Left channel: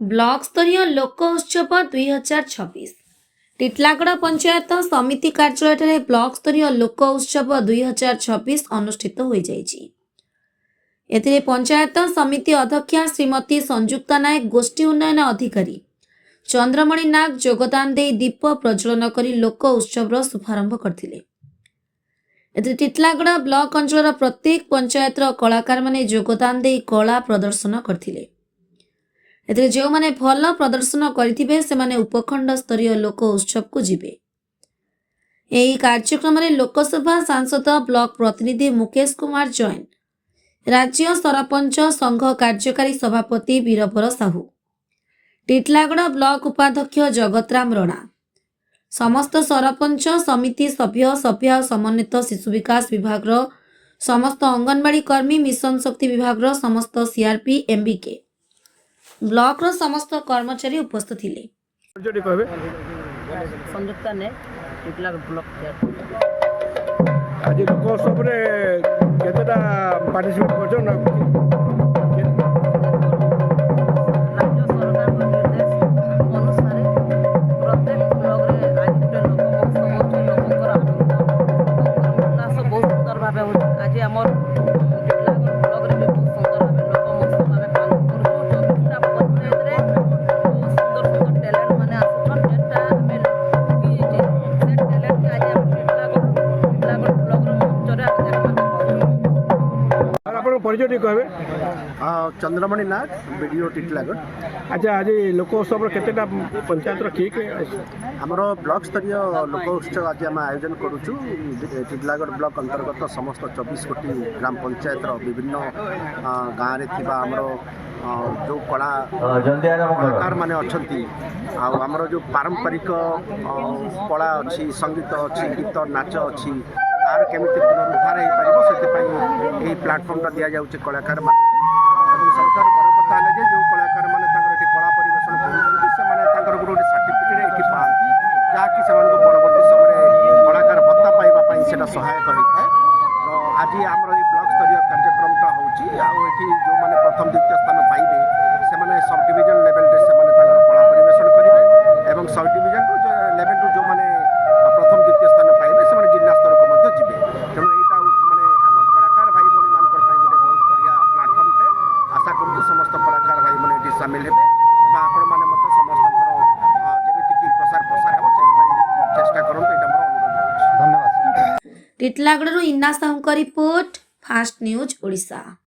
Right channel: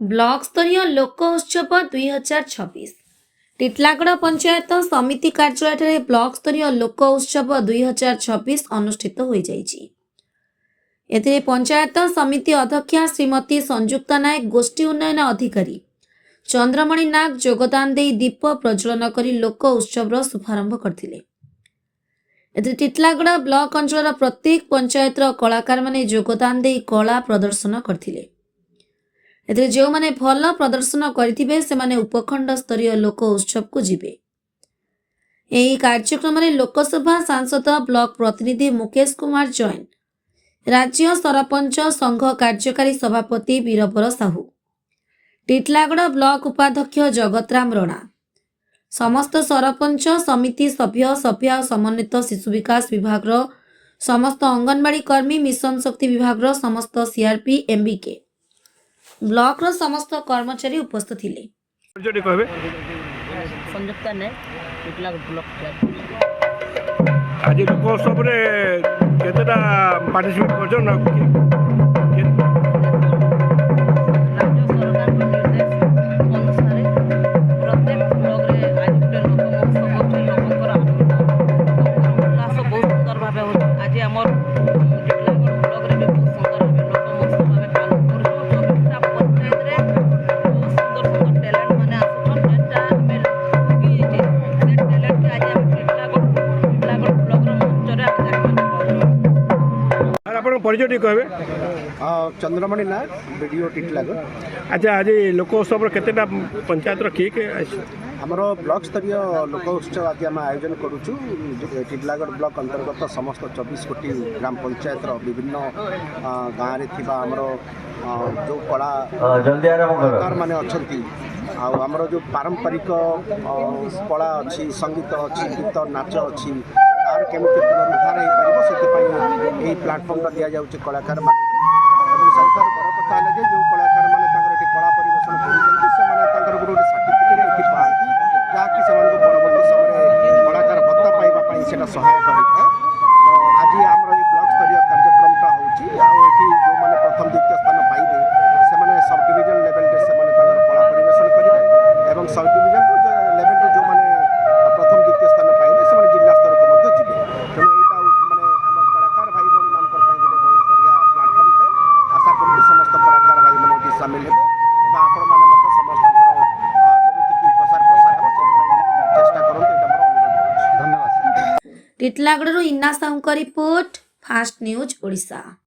Block स्तरीय लोक उत्सव 2026 टिटलागड़ पंचायत समिति कार्यालय ब्लॉक स्तरीय लोक उत्सव 2026 अनुष्ठित हो जाइछि। एथिरे पंचायत समिति अध्यक्षा श्रीमती संजुक्ता नायक, गोष्ठी उन्नयन अधिकारी चंद्रमणि नाग योगदान दे दीप प्रज्वलन करी लोक उत्सव शुभारंभ करथिले। एथिरे टिटलागड़ ब्लॉक अंचल प्रत्येक पंचायत कलाकार माने योगदान दे कला प्रदर्शन करथिले। एथिरे जो माने भल प्रदर्शन करिथिबे से माने उपखंड स्तरीय लोक उत्सव को जिबे। एही कार्यक्रम रे लोकसभा सांसद ब्लॉक प्रतिनिधि मुकेश कुमार जैन, राज्य सरपंच संघ कार्यकारी सभापति वीरबर साहू, टिटलागड़ ब्लॉक उपाध्यक्ष जगतराम राणा, समस्त सरपंच समिति सभ्य समन्वित शिशु विकास विभाग समस्त अंगनवाड़ी कर्मी, मिशन शक्ति विभाग समस्त सीआरपी एमबीके ब्लॉक रो समस्त कर्मचारी उपस्थित थिले। संयुक्ता ने टिटलागड़ ब्लॉक आज लोकोत्सव रे केतेटा पार्टिसिपेट करछन राज्य सरकार निर्देश अनुसार प्रत्येक ब्लॉक रे आज गोटे लोक महोत्सव होछि। लोककर उल्लास बहुत सुंदर भाबे होछि। आज हमर टिटलागड़ ब्लॉक रे भी बहुत सुंदर भाबे लोक महोत्सव भाबे पालन करछु। 24टा पंचायत रे बहुत सुंदर सुंदर टैलेंट माने आछन, जेटा हमें की जे से टैलेंट के आज हम टिटलागड़ ब्लॉक रो मंच रे आज जाके और आपण परिचय कहबे। चंद्रमणि नाग, वीडियो टिटलागड़। अच्छा, आज लोकोत्सव रे केतेटा पंचायत रो के आमर ब्लॉक स्तरीय लोक उत्सव आज आम आयोजन करुचु। टिटलागड़ ब्लॉक अंतर्गत समस्त 24 कोटी ग्राम पंचायत विभिन्न गाँव रे थिबा आमर जो कलाकार माने अछंती आमर जो पारंपरिक कला अच्छी, संगीत अच्छी, गीत नाच अच्छी, तार केमिति पुनरुद्धार हो पारिबो सेति प्लाटफर्म दिया जाउचे कलाकार मान। एवं सबठारु बड़ कथा है जे जो कलाकार माने तांकर एठी कला परिवेशन करूछन्ती से माने तांकर गोटे सर्टिफिकेट एठी पाती, जहाँकि सेमानकु परवर्ती समय कलाकार भत्ता पाइबा पई सेटा सहायक होइଥାଏ। तो आज आमर ये ब्लॉक स्तरीय कार्यक्रमटा होउची एठी जो माने प्रथम द्वितीय स्थान पाइबे से माने सब डिवीजन लेवल रे से माने तांकर कला परिवेशन करिवे एवं सब डिवीजन लेवल रो जो माने प्रथम द्वितीय स्थान पाइबे से माने जिला स्तर को मध्य जिबे। तेणु एटा माने आम कलाकार भाई भौणी मानकर पई गोटे बहुत बढ़िया प्लाटफर्म टे। आशा करूँ समस्त कलाकार भाई मैंने ये सामिल हे और आपण मैंने समस्त जमीक प्रसार प्रसार हो चेष्टा करूँ। यहाँ मोर अनुरोध। धन्यवाद। टिटलागड़ इन्ना साहू का रिपोर्ट, फास्ट न्यूज ओडिशा।